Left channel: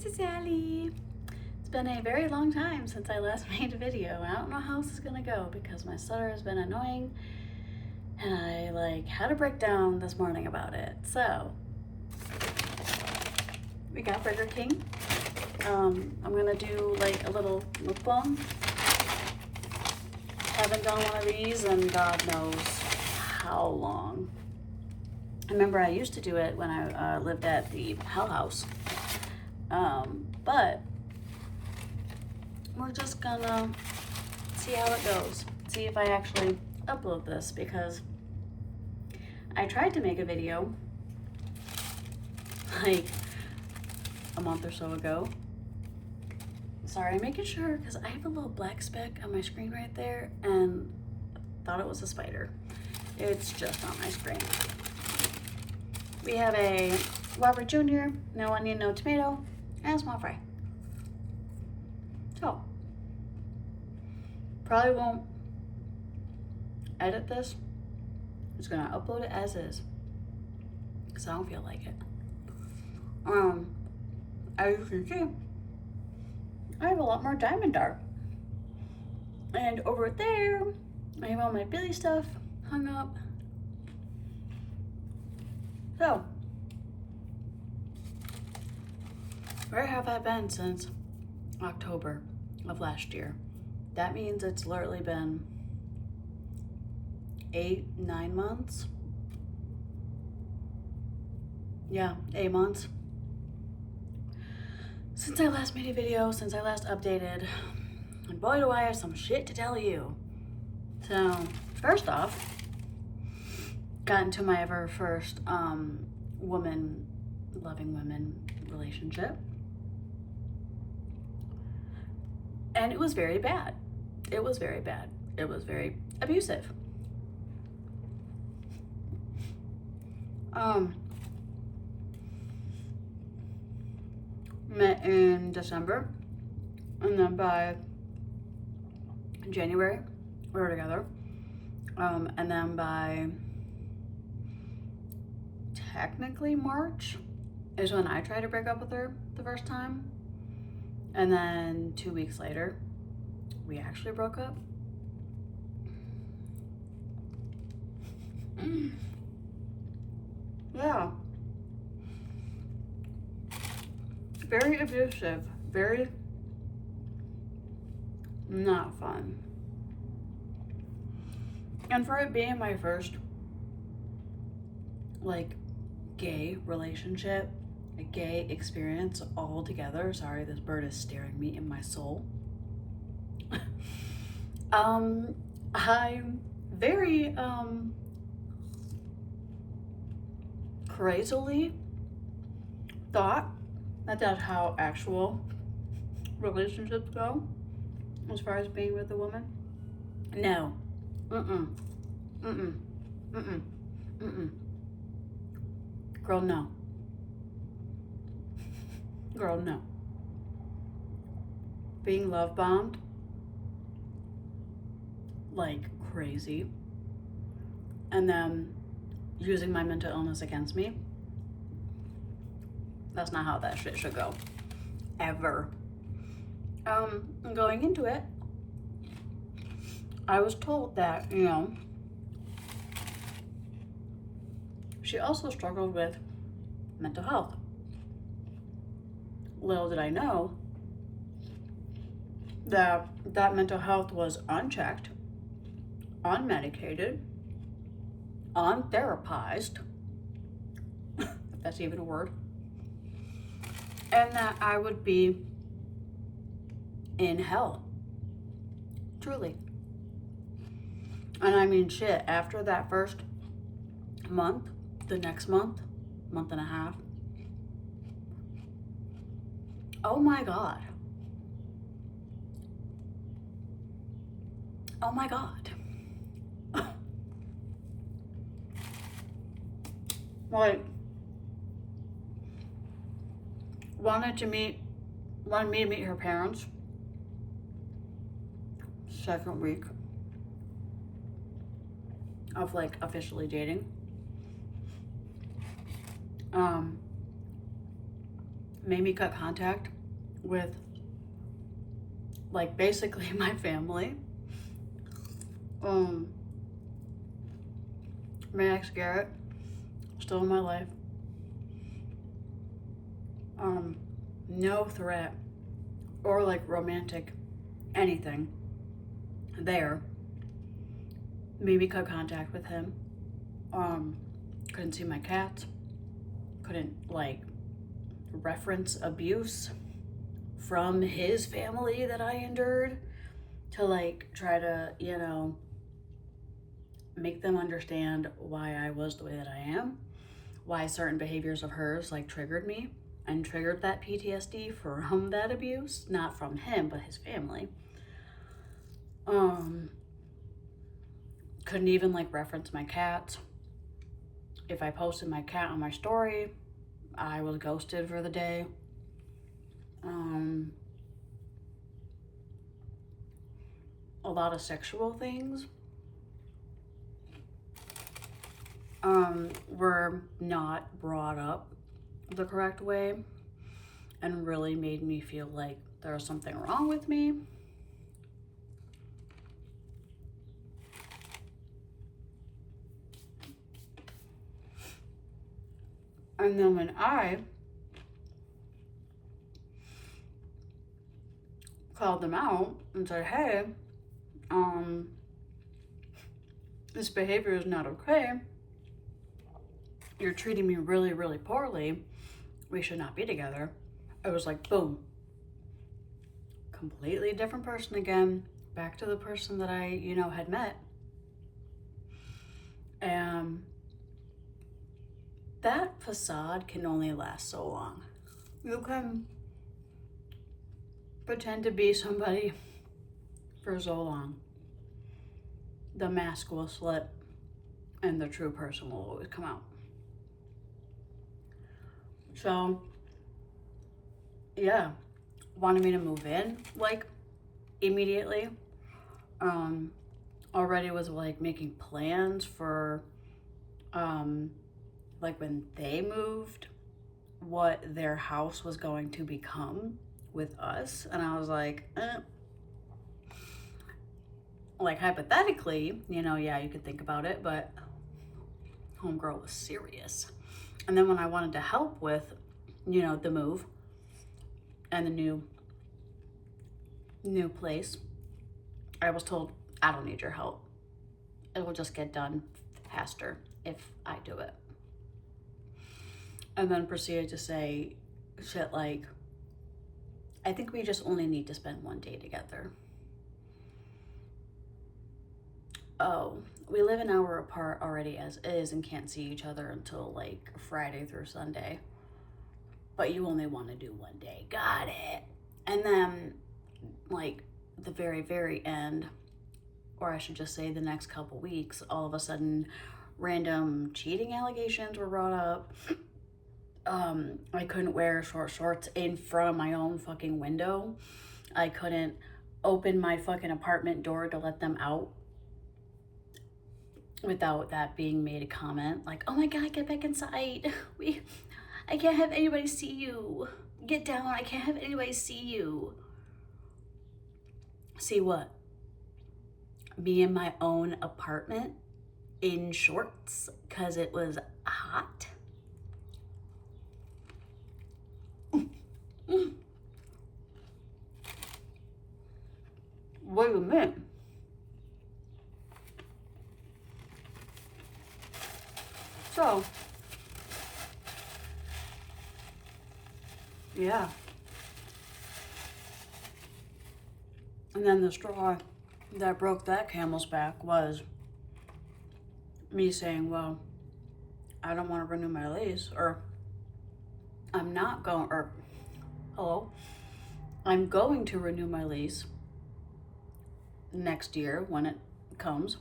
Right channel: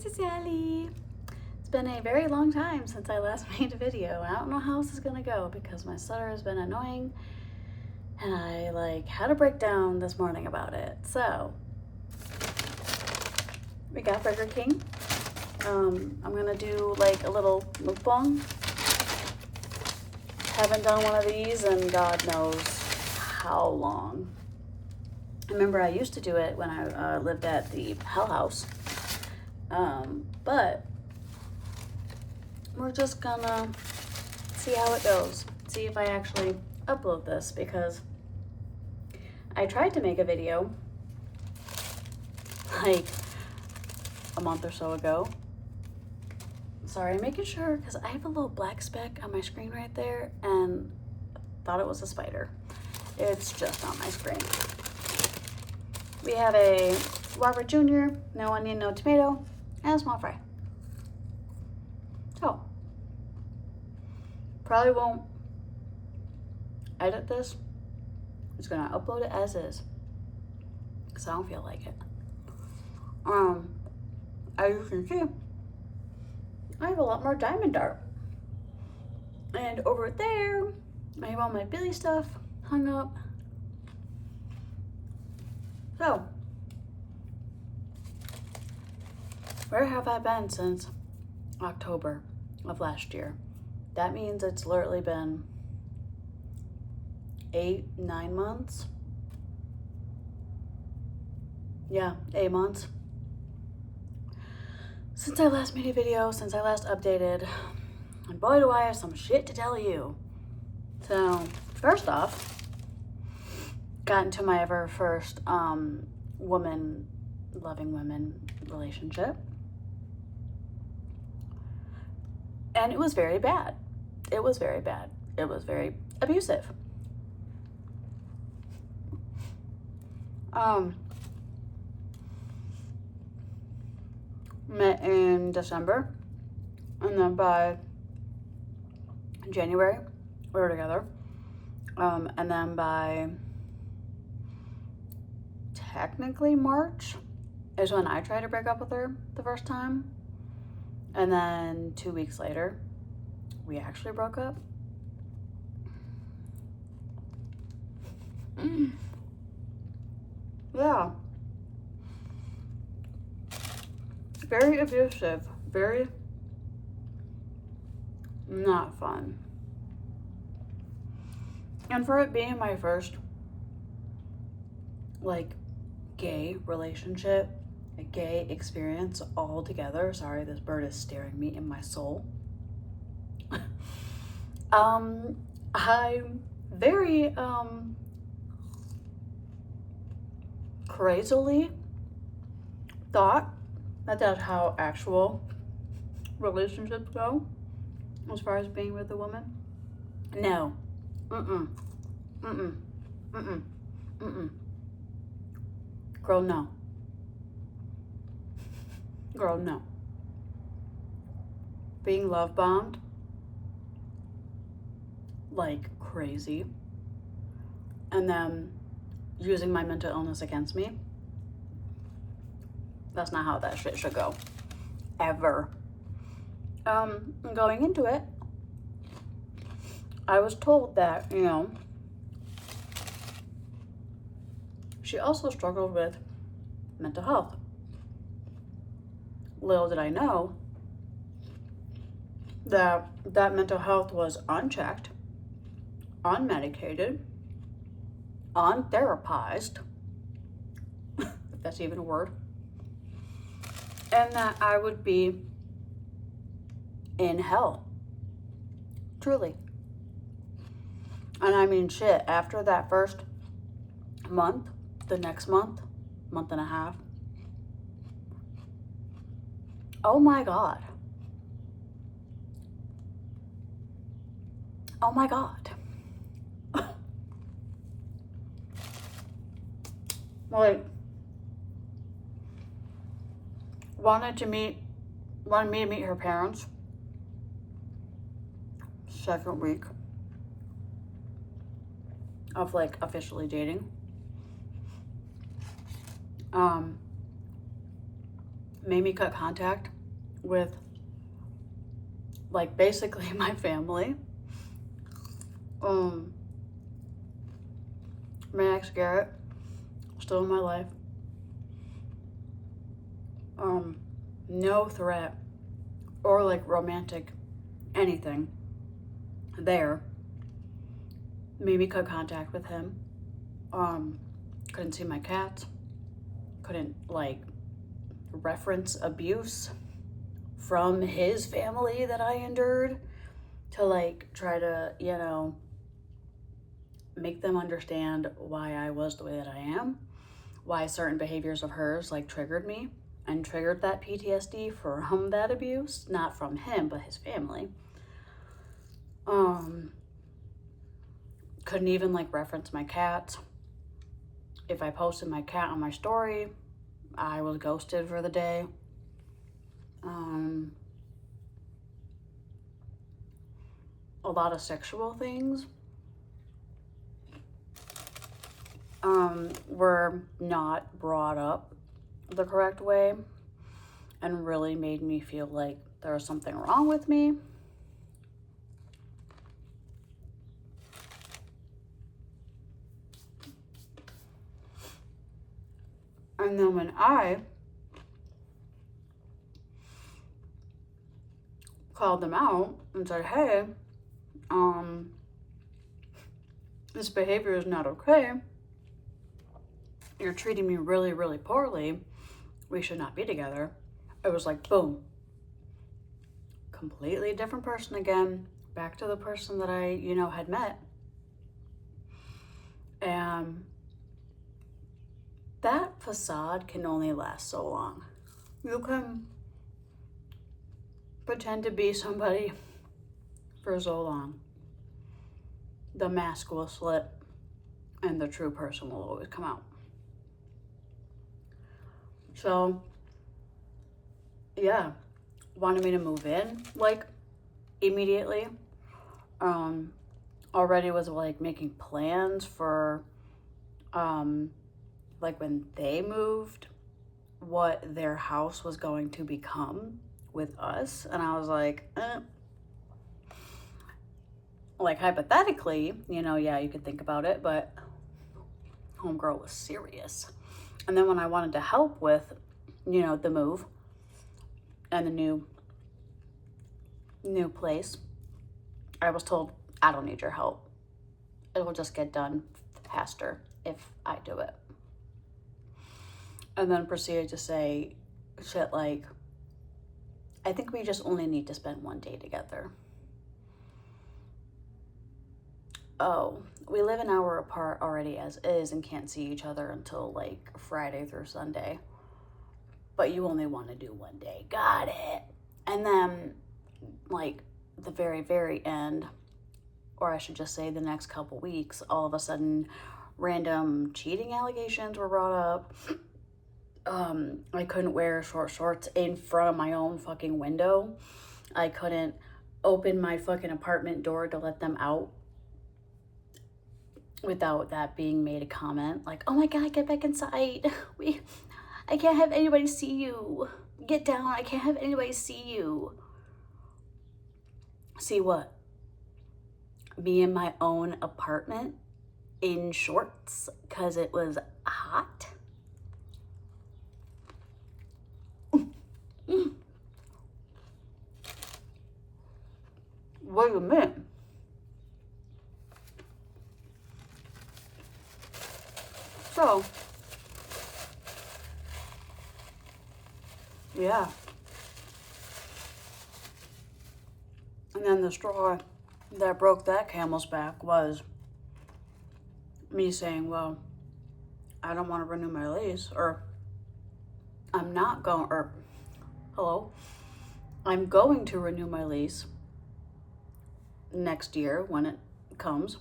Princess Sally. It's been a very long time since I last made a video. I don't know how this is gonna go because my stutter has been annoying and I had a breakdown this morning about it. So we got Burger King. I'm gonna do a little mukbang. Haven't done one of these in God knows how long. I remember I used to do it when I lived at the Hell House. But we're just gonna see how it goes. See if I actually upload this, because I tried to make a video like a month or so ago. Sorry, I'm making sure because I have a little black speck on my screen right there and thought it was a spider. It's just on my screen. We have a Whopper Jr., no onion, no tomato, and a small fry. So, probably won't edit this. I'm just gonna upload it as is because I don't feel like it. As you can see, I have a lot more diamond art. And over there, I have all my Billy stuff hung up. So, where have I been since October of last year? That means it's literally been 8-9 months. Yeah, 8 months since I last made a video, since I last updated. And boy, do I have some shit to tell you. So, first off, got into my ever first loving women relationship. And it was very bad. It was very bad. It was very abusive. Met in December, and then by January we were together, and then by technically March is when I tried to break up with her the first time, and then 2 weeks later we actually broke up. Yeah. Very abusive, very not fun. And for it being my first gay relationship, a gay experience all together. Sorry, this bird is staring me in my soul. I very crazily thought that that's how actual relationships go as far as being with a woman. No. Girl, no. Girl, no. Being love bombed like crazy and then using my mental illness against me. That's not how that shit should go. Ever. Going into it, I was told that, she also struggled with mental health. Little did I know that that mental health was unchecked, unmedicated, untherapized, if that's even a word, and that I would be in hell. Truly. And I mean, shit, after that first month, the next month and a half, oh my God. Oh my God. Wanted me to meet her parents. Second week of officially made me cut contact with, like, basically my family. My ex Garrett, still in my life. No threat or like romantic anything there. Made me cut contact with him. Couldn't see my cats. Couldn't like reference abuse from his family that I endured to like try to, you know, make them understand why I was the way that I am, why certain behaviors of hers like triggered me and triggered that PTSD from that abuse, not from him, but his family. Couldn't even like reference my cat. If I posted my cat on my story, I was ghosted for the day. A lot of sexual things were not brought up the correct way and really made me feel like there was something wrong with me. And then when I called them out and said, hey, this behavior is not okay. You're treating me really, really poorly. We should not be together. It was like, boom. Completely different person again. Back to the person that I, you know, had met. And that facade can only last so long. You can pretend to be somebody for so long. The mask will slip and the true person will always come out. So, yeah, wanted me to move in like immediately. Already was like making plans for like when they moved, what their house was going to become with us. And I was like, like hypothetically, you know, yeah, you could think about it, but homegirl was serious. And then when I wanted to help with, you know, the move and the new place, I was told, I don't need your help. It will just get done faster if I do it. And then proceeded to say shit like, I think we just only need to spend one day together. Oh, we live an hour apart already as is and can't see each other until like Friday through Sunday. But you only want to do one day. Got it. And then like the very, very end, or I should just say the next couple weeks, all of a sudden random cheating allegations were brought up. I couldn't wear short shorts in front of my own fucking window. I couldn't open my fucking apartment door to let them out without that being made a comment. Like, oh my God, get back inside. I can't have anybody see you. Get down, I can't have anybody see you. See what? Me in my own apartment in shorts because it was hot. Wait a minute. So, yeah. And then the straw that broke that camel's back was me saying, well, I don't want to renew my lease, or I'm not going, or hello, I'm going to renew my lease next year when it comes,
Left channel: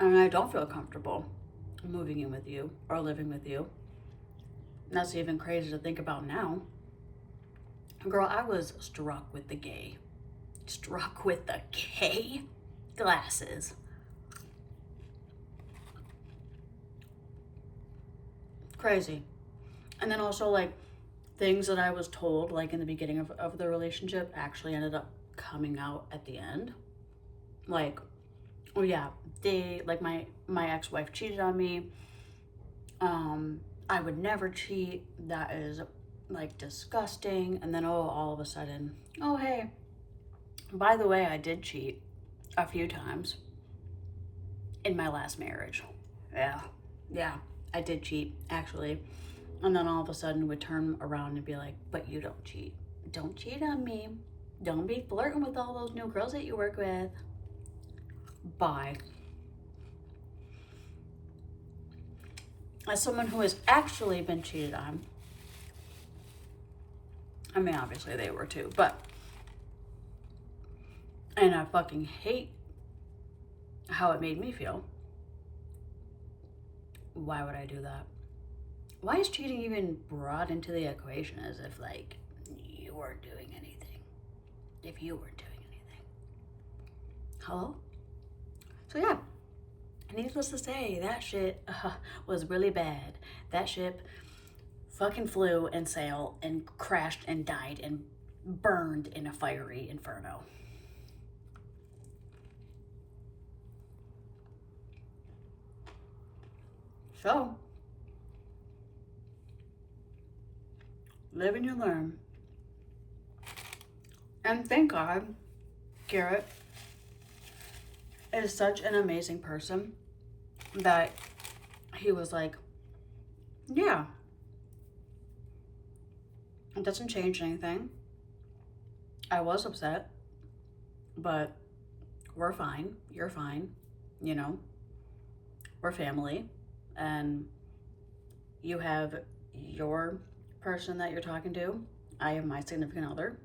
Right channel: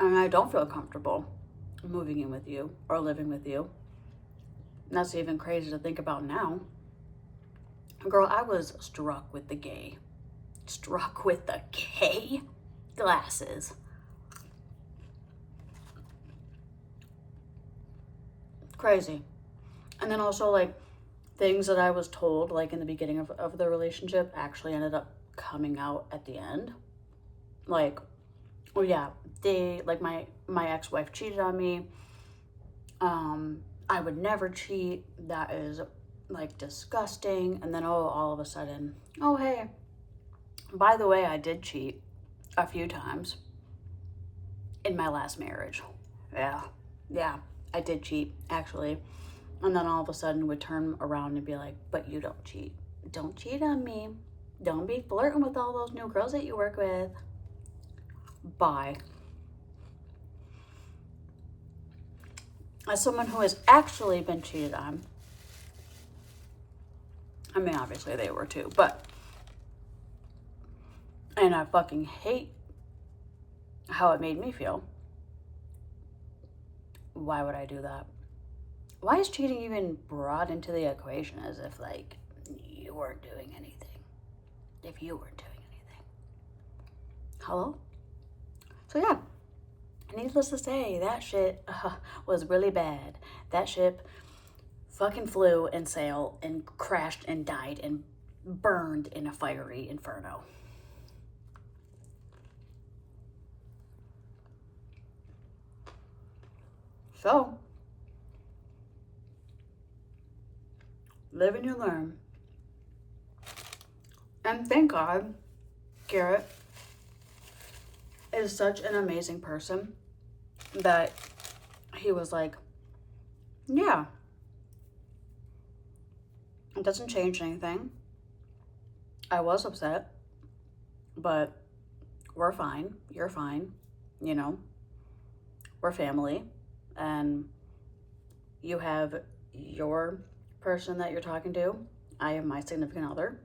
and I don't feel comfortable moving in with you or living with you. And that's even crazy to think about now. Girl, I was struck with the gay glasses. Crazy. And then also like things that I was told, like in the beginning of the relationship, actually ended up coming out at the end. Like, oh yeah, like my ex-wife cheated on me. I would never cheat. That is like disgusting. And then, oh, all of a sudden, oh, hey, by the way, I did cheat a few times in my last marriage. Yeah, I did cheat, actually. And then all of a sudden would turn around and be like, but you don't cheat. Don't cheat on me. Don't be flirting with all those new girls that you work with. Bye. As someone who has actually been cheated on, I mean, obviously they were too, but, and I fucking hate how it made me feel. Why would I do that? Why is cheating even brought into the equation as if, like, you weren't doing anything? If you weren't doing anything. Hello? So yeah, needless to say, that shit was really bad. That ship fucking flew and sailed and crashed and died and burned in a fiery inferno. So, live and you learn. And thank God, Garrett is such an amazing person that he was like, yeah, it doesn't change anything. I was upset, but we're fine. You're fine. You know, we're family. And you have your person that you're talking to. I am my significant other.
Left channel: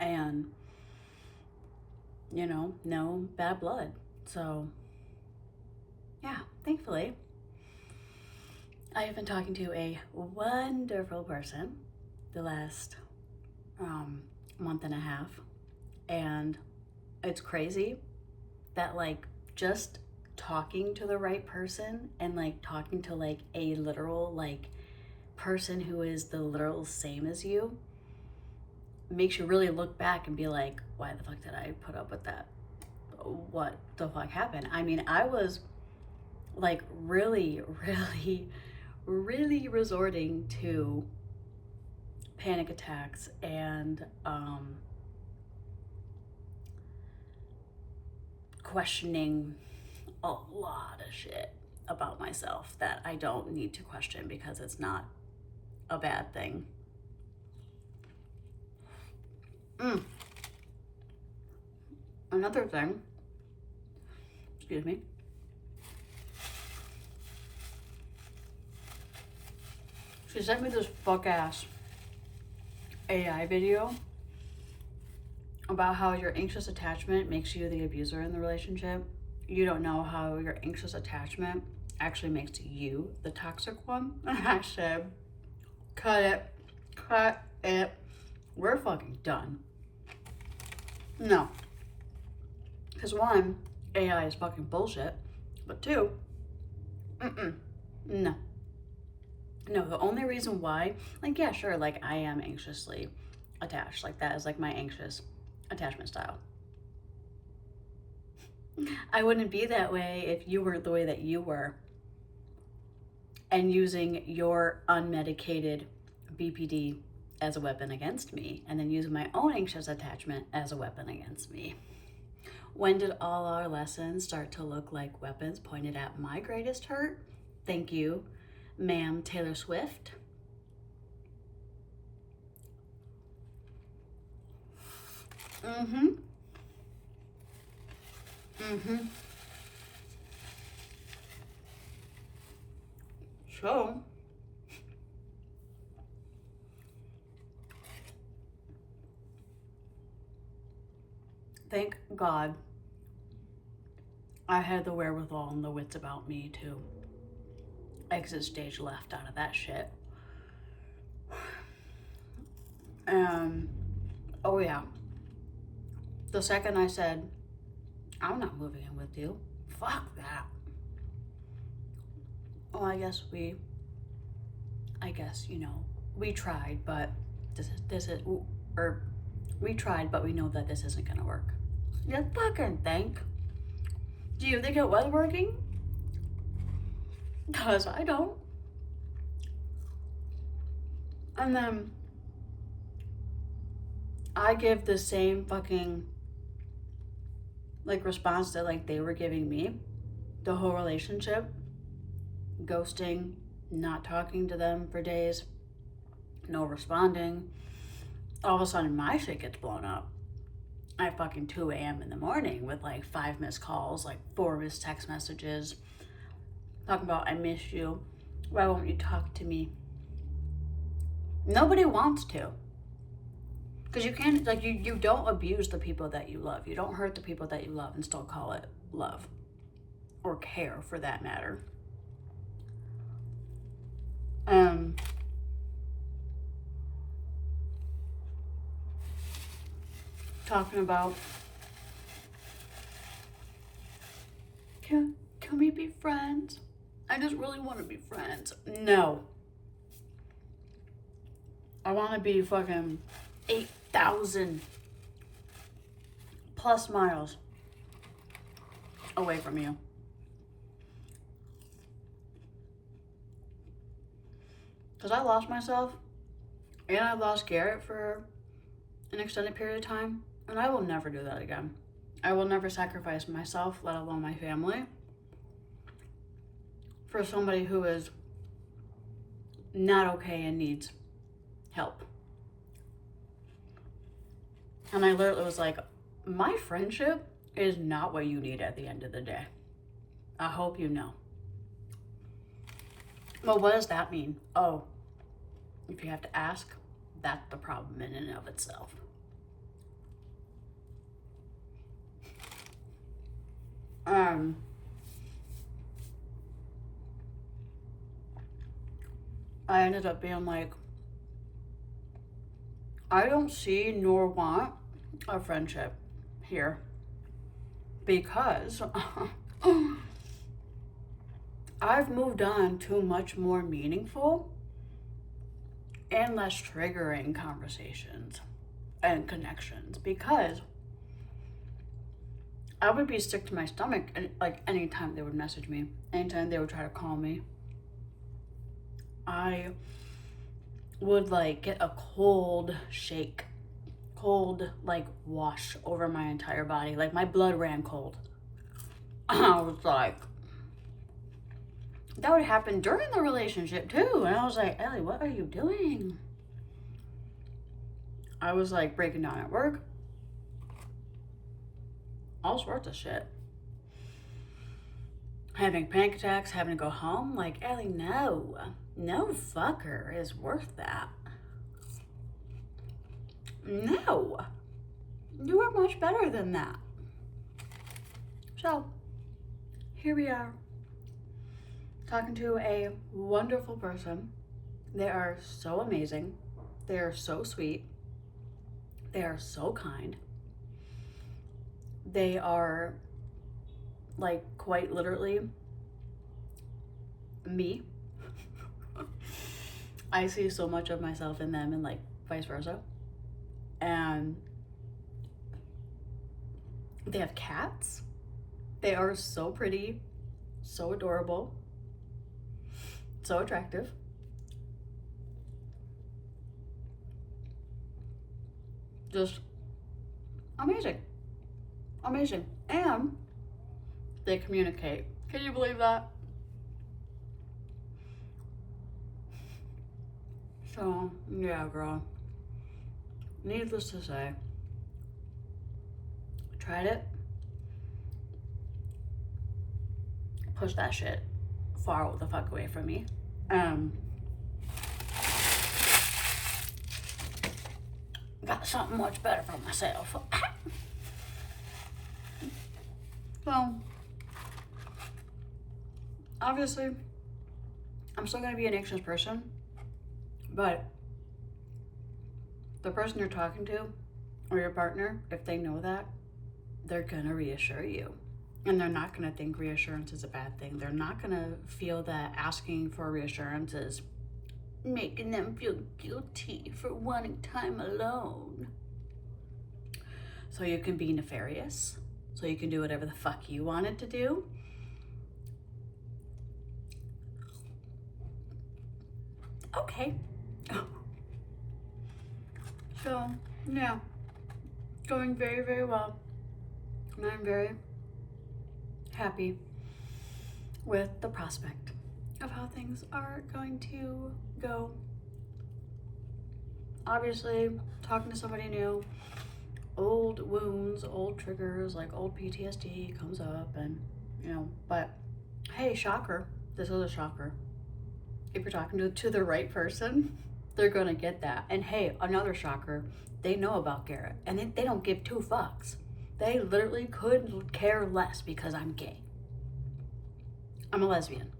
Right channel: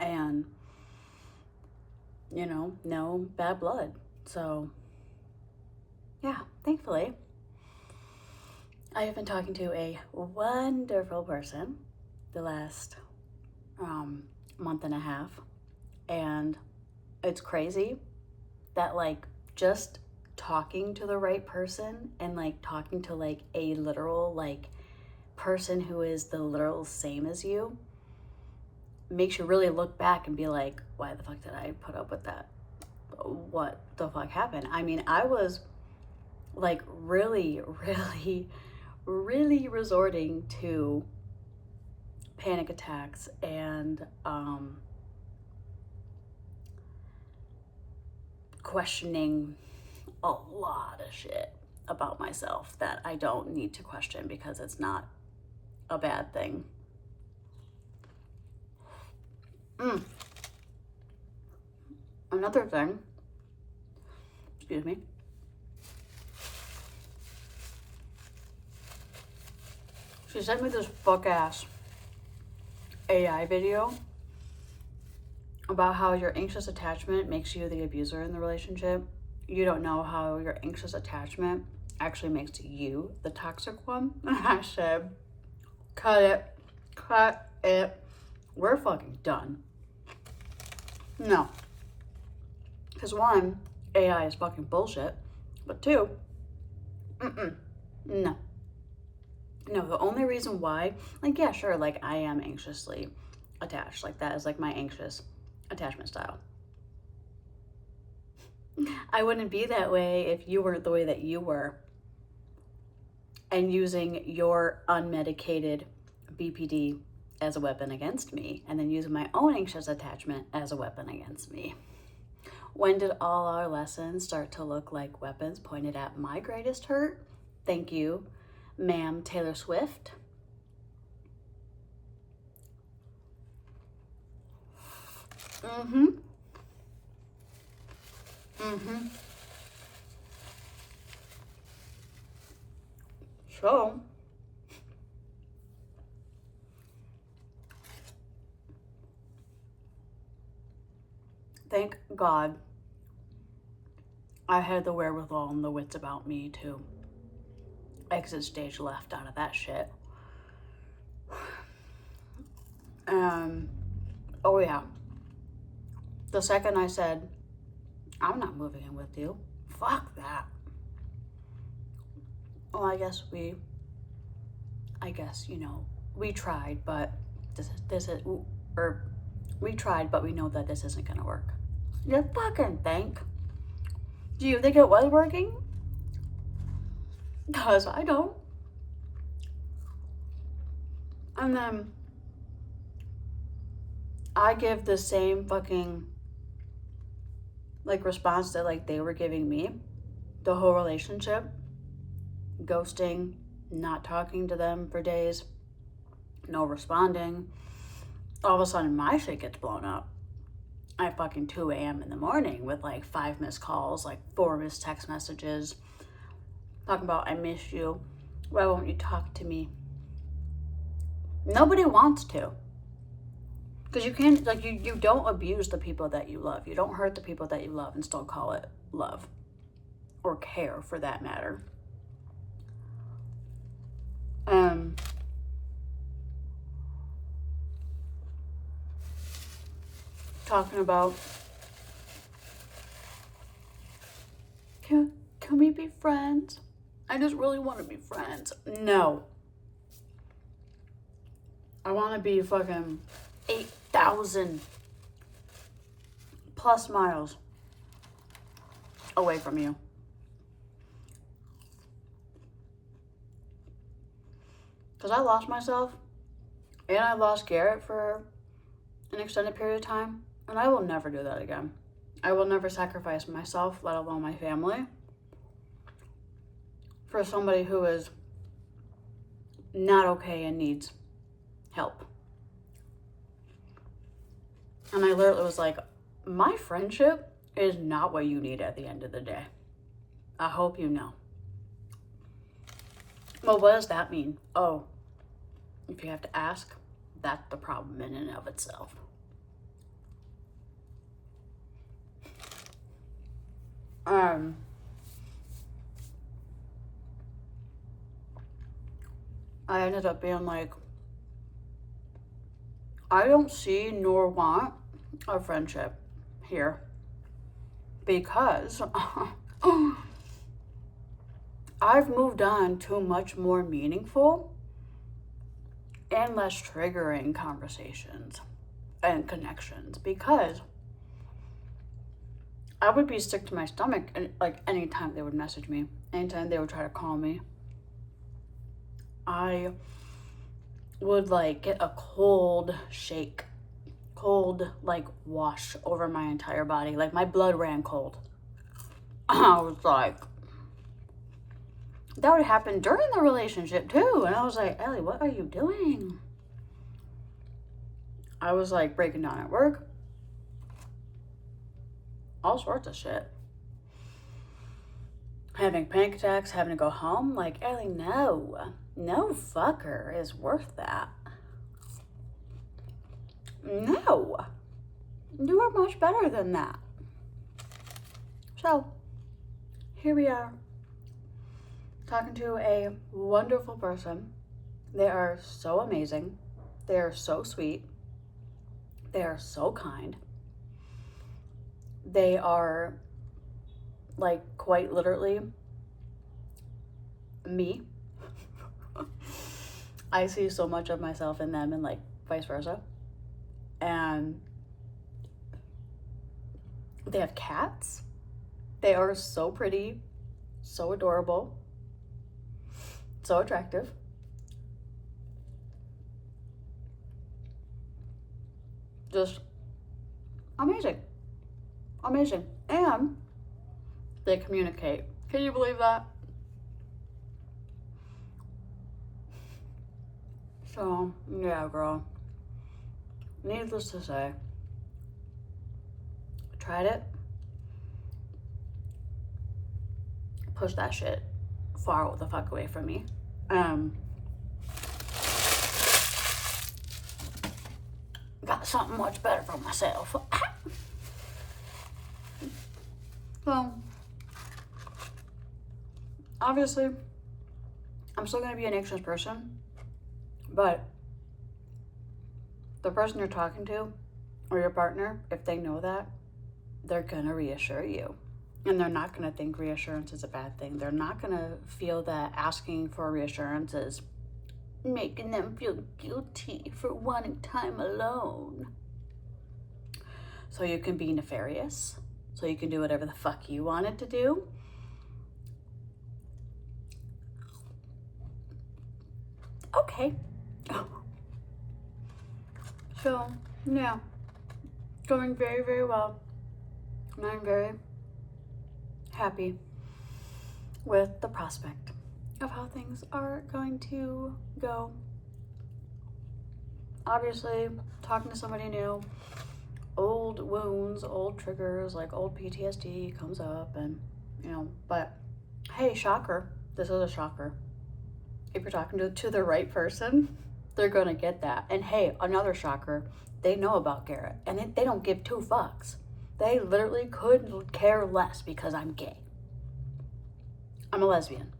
And, you know, no bad blood. So, yeah, thankfully, I have been talking to a wonderful person the last month and a half. And it's crazy that, like, just talking to the right person and, like, talking to, like, a literal, like, person who is the literal same as you makes you really look back and be like, why the fuck did I put up with that? What the fuck happened? I mean, I was, like, really resorting to panic attacks and questioning a lot of shit about myself that I don't need to question because it's not a bad thing. Another thing, excuse me, she sent me this fuck ass AI video about how your anxious attachment makes you the abuser in the relationship. You don't know how your anxious attachment actually makes you the toxic one. And I said, cut it. We're fucking done. No. Because one, AI is fucking bullshit. But two, no. No, the only reason why, like, yeah, sure, like, I am anxiously attached. Like, that is, like, my anxious attachment style. I wouldn't be that way if you weren't the way that you were. And using your unmedicated BPD as a weapon against me, and then using my own anxious attachment as a weapon against me. When did all our lessons start to look like weapons pointed at my greatest hurt? Thank you, ma'am Taylor Swift. So, thank God I had the wherewithal and the wits about me to exit stage left out of that shit. Oh yeah. The second I said, I'm not moving in with you, fuck that. Well, I guess, you know, we tried, but we tried, but we know that this isn't gonna work. You fucking think? Do you think it was working? Cause I don't. And then I give the same fucking like response that like they were giving me the whole relationship, ghosting, not talking to them for days, no responding. All of a sudden my shit gets blown up at fucking 2 a.m. in the morning with like 5 missed calls, like 4 missed text messages talking about I miss you, why won't you talk to me? Nobody wants to. Because you can't, like, you don't abuse the people that you love. You don't hurt the people that you love and still call it love. Or care, for that matter. Talking about, can we be friends? I just really want to be friends. No. I want to be fucking 8,000 plus miles away from you. Because I lost myself and I lost Garrett for an extended period of time, and I will never do that again. I will never sacrifice myself, let alone my family, for somebody who is not okay and needs help. And I literally was like, my friendship is not what you need at the end of the day. I hope you know. Well, what does that mean? Oh, if you have to ask, that's the problem in and of itself. I ended up being like, I don't see nor want a friendship here because I've moved on to much more meaningful and less triggering conversations and connections, because I would be sick to my stomach and like anytime they would message me, anytime they would try to call me, I would like get a cold shake, cold like wash over my entire body, like my blood ran cold. I was like, that would happen during the relationship too, and I was like, Ellie, what are you doing? I was like breaking down at work, all sorts of shit, having panic attacks, having to go home. Like, Ellie, no fucker is worth that. No, you are much better than that. So here we are, talking to a wonderful person. They are so amazing. They are so sweet. They are so kind. They are like quite literally me. I see so much of myself in them and like vice versa. And they have cats. They are so pretty, so adorable, so attractive. Just amazing. Amazing. And they communicate. Can you believe that? So, yeah, girl. Needless to say, tried it. Push that shit far the fuck away from me. Got something much better for myself. Well, obviously, I'm still gonna be an anxious person, but the person you're talking to or your partner, if they know that, they're gonna reassure you. And they're not gonna think reassurance is a bad thing. They're not gonna feel that asking for reassurance is making them feel guilty for wanting time alone. So you can be nefarious, so you can do whatever the fuck you wanted to do. Okay. So, yeah, going very, very well. And I'm very happy with the prospect of how things are going to go. Obviously, talking to somebody new, old wounds, old triggers, like old PTSD comes up, and you know, but hey, shocker, this is a shocker. If you're talking to the right person, they're gonna get that. And hey, another shocker, they know about Garrett, and they don't give two fucks. They literally could care less because I'm gay. I'm a lesbian.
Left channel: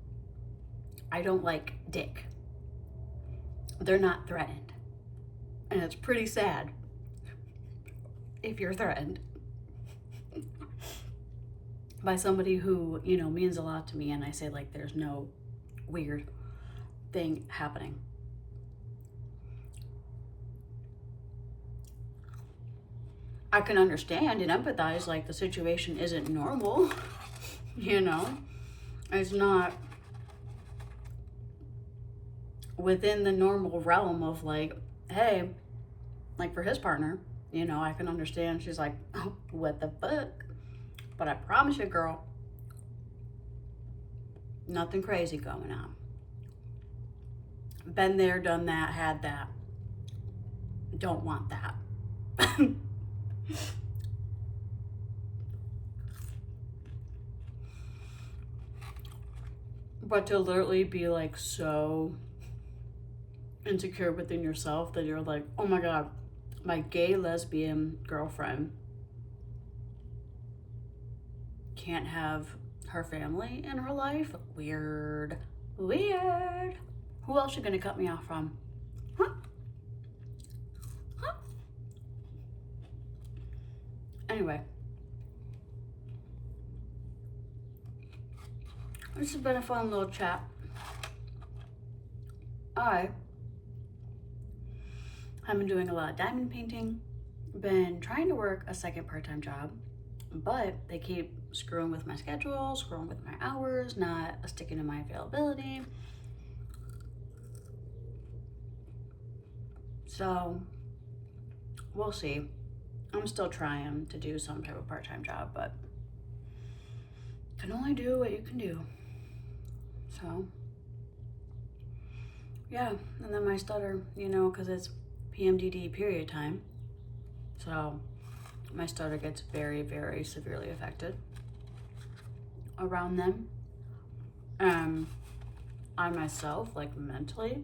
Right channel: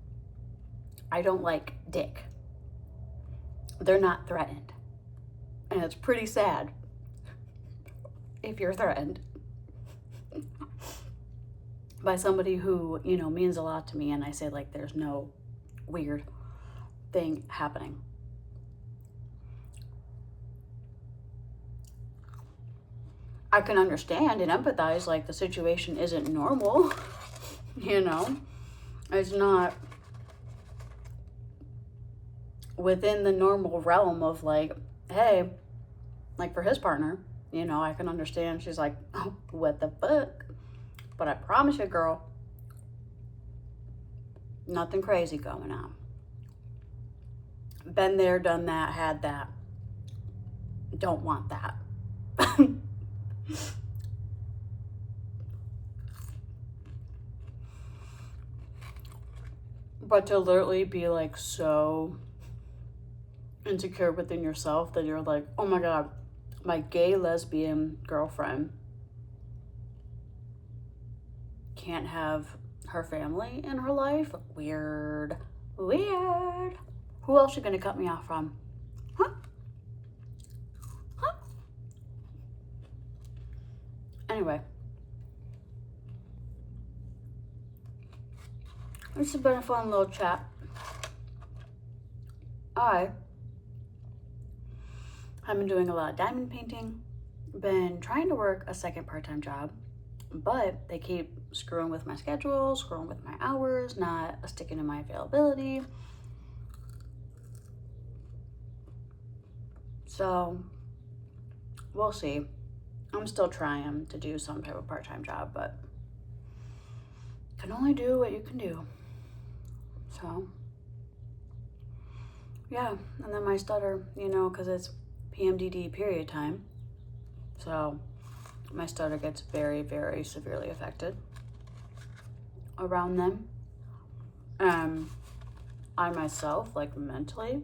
I don't like dick. They're not threatened. And it's pretty sad if you're threatened by somebody who, you know, means a lot to me, and I say like there's no weird thing happening. I can understand and empathize, like the situation isn't normal, you know, it's not within the normal realm of like, hey, like for his partner, you know, I can understand. She's like, oh, what the fuck? But I promise you, girl, nothing crazy going on. Been there, done that, had that. Don't want that. But to literally be like so insecure within yourself that you're like, oh my God, my gay lesbian girlfriend can't have her family in her life? Weird. Weird. Who else you gonna cut me off from? Huh? Huh? Anyway. This has been a fun little chat. I have been doing a lot of diamond painting, been trying to work a second part-time job, but they keep screwing with my schedule, screwing with my hours, not sticking to my availability. So we'll see. I'm still trying to do some type of part-time job, but can only do what you can do. So yeah, and then my stutter, you know, because it's PMDD period time, so my stutter gets very, very severely affected around them. I myself, like mentally,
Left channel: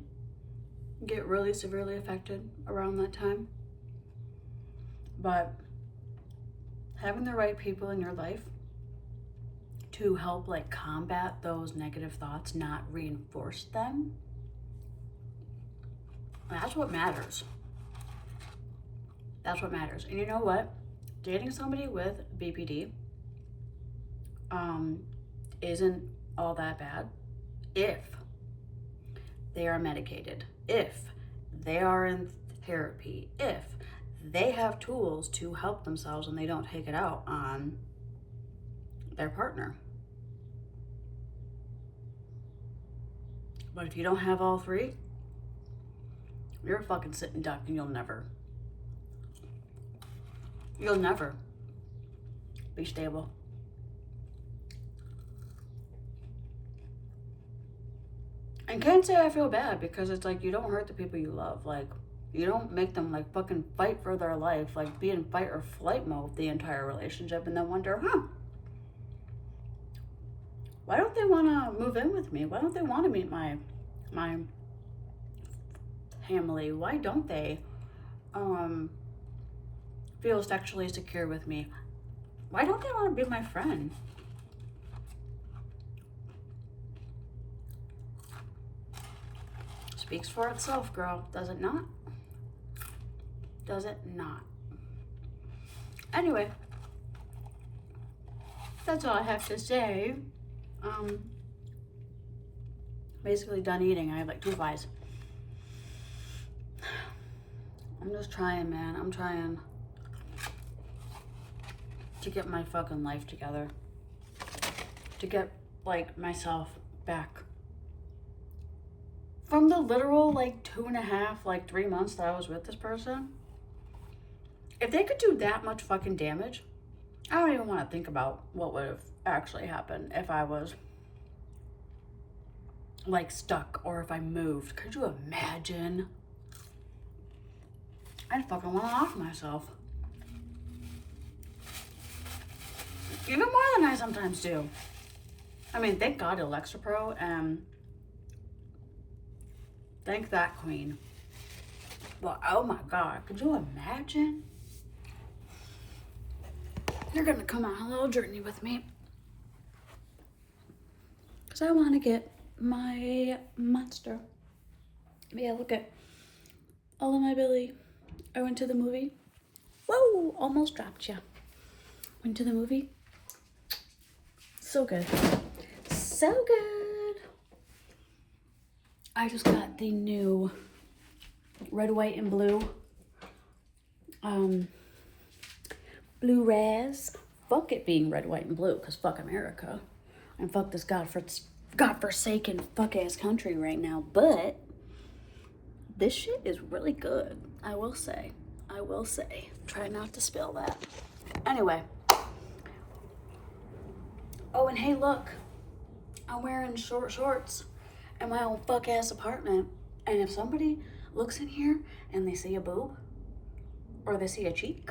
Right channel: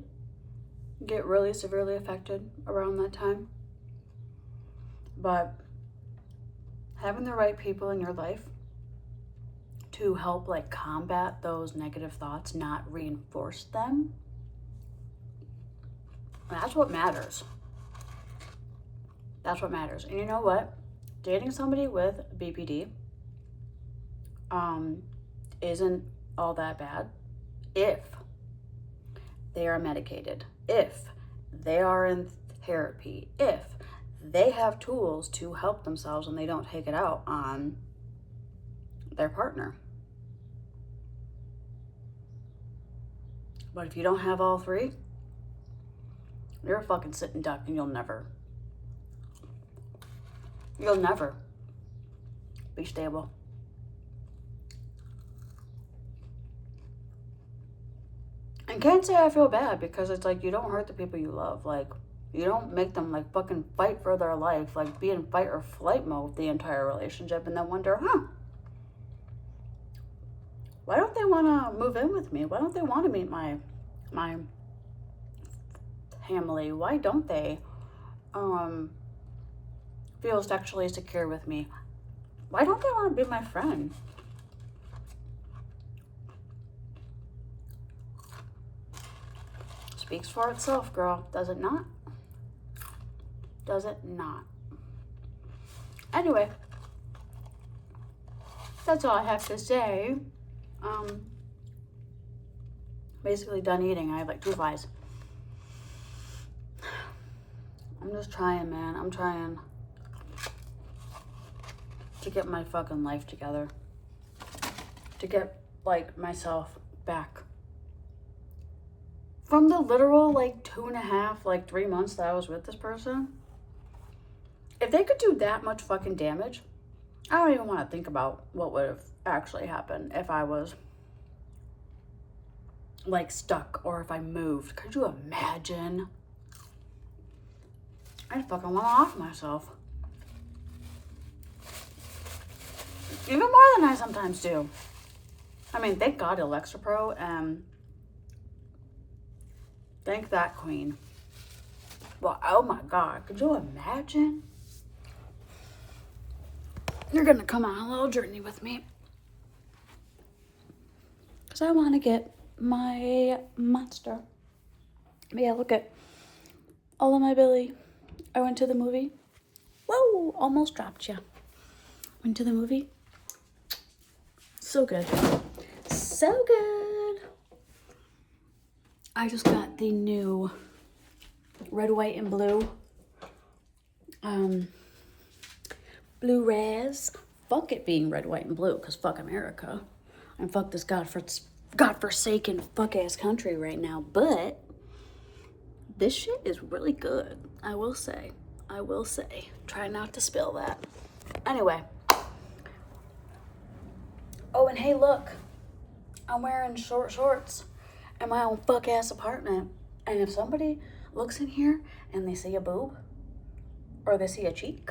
get really severely affected around that time. But having the right people in your life to help like combat those negative thoughts, not reinforce them, that's what matters. That's what matters. And you know what? Dating somebody with BPD isn't all that bad if they are medicated, if they are in therapy, if they have tools to help themselves and they don't take it out on their partner. But if you don't have all three, you're a fucking sitting duck and you'll never be stable. And can't say I feel bad, because it's like you don't hurt the people you love. Like, you don't make them like fucking fight for their life, like be in fight or flight mode the entire relationship, and then wonder, why don't they want to move in with me? Why don't they want to meet my family? Why don't they feel sexually secure with me? Why don't they want to be my friend? Speaks for itself, girl. Does it not? Does it not? Anyway, that's all I have to say. Basically done eating. I have like 2 pies. I'm just trying, man. I'm trying to get my fucking life together. To get, like, myself back. From the literal, like, 2.5, like, 3 months that I was with this person, if they could do that much fucking damage, I don't even want to think about what would have actually happened if I was, like, stuck or if I moved. Could you imagine? I'd fucking want to off myself. Even more than I sometimes do. I mean, thank God Alexa Pro, and thank that queen. Well, oh my God, could you imagine? You're gonna come on a little journey with me. Because I want to get my monster. Yeah, look at all of my belly. I went to the movie. Whoa, almost dropped you. Went to the movie. So good. So good. I just got the new red, white, and blue Blu-rays. Fuck it being red, white, and blue, because fuck America. And fuck this godforsaken fuck-ass country right now. But this shit is really good. I will say. I will say. Try not to spill that. Anyway. Oh, and hey, look. I'm wearing short shorts in my own fuck-ass apartment. And if somebody looks in here and they see a boob, or they see a cheek,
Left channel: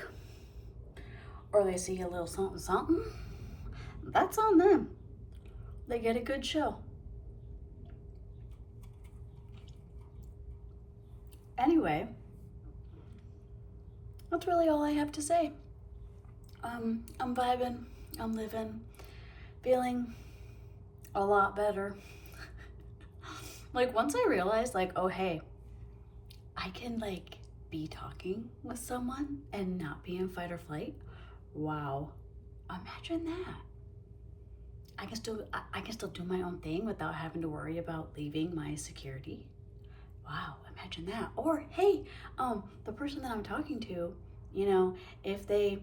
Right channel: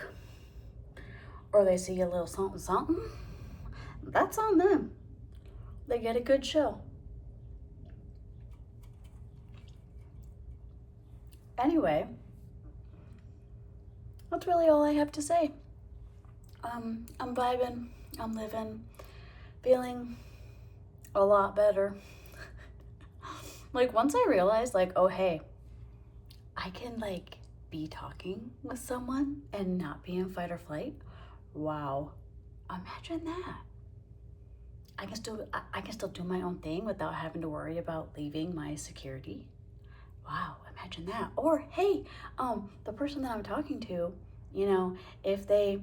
or they see a little something something, that's on them. They get a good show. Anyway, that's really all I have to say. I'm vibing, I'm living, feeling a lot better. Like, once I realized, like, oh, hey, I can, like, be talking with someone and not be in fight or flight. Wow. Imagine that. I can still do my own thing without having to worry about leaving my security. Wow, imagine that. Or, hey, the person that I'm talking to, you know, if they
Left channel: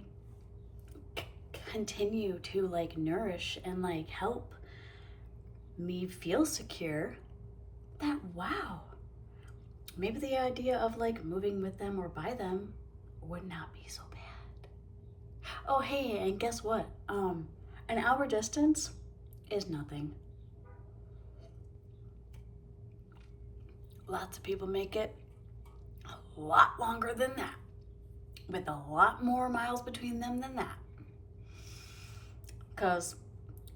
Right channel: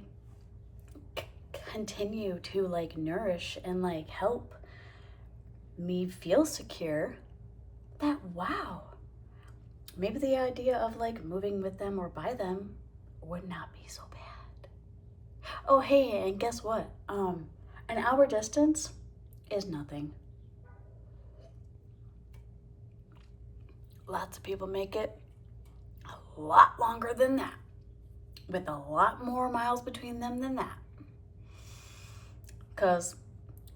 continue to, like, nourish and, like, help me feel secure, that, wow, maybe the idea of, like, moving with them or by them would not be so bad. Oh, hey, and guess what? An hour distance is nothing. Lots of people make it a lot longer than that, with a lot more miles between them than that. Because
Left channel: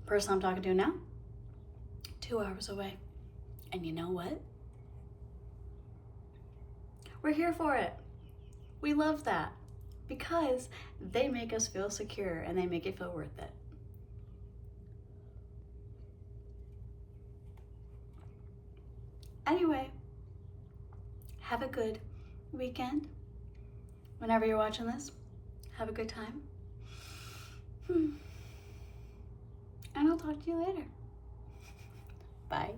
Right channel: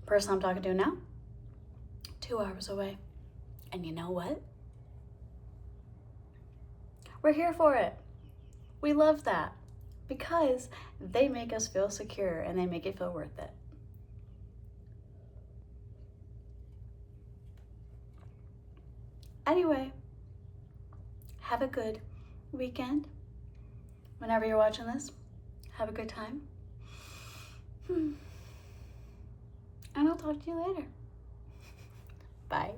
the person I'm talking to now, 2 hours away. And you know what? We're here for it. We love that because they make us feel secure and they make it feel worth it. Anyway, have a good weekend. Whenever you're watching this, have a good time. And I'll talk to you later. Bye.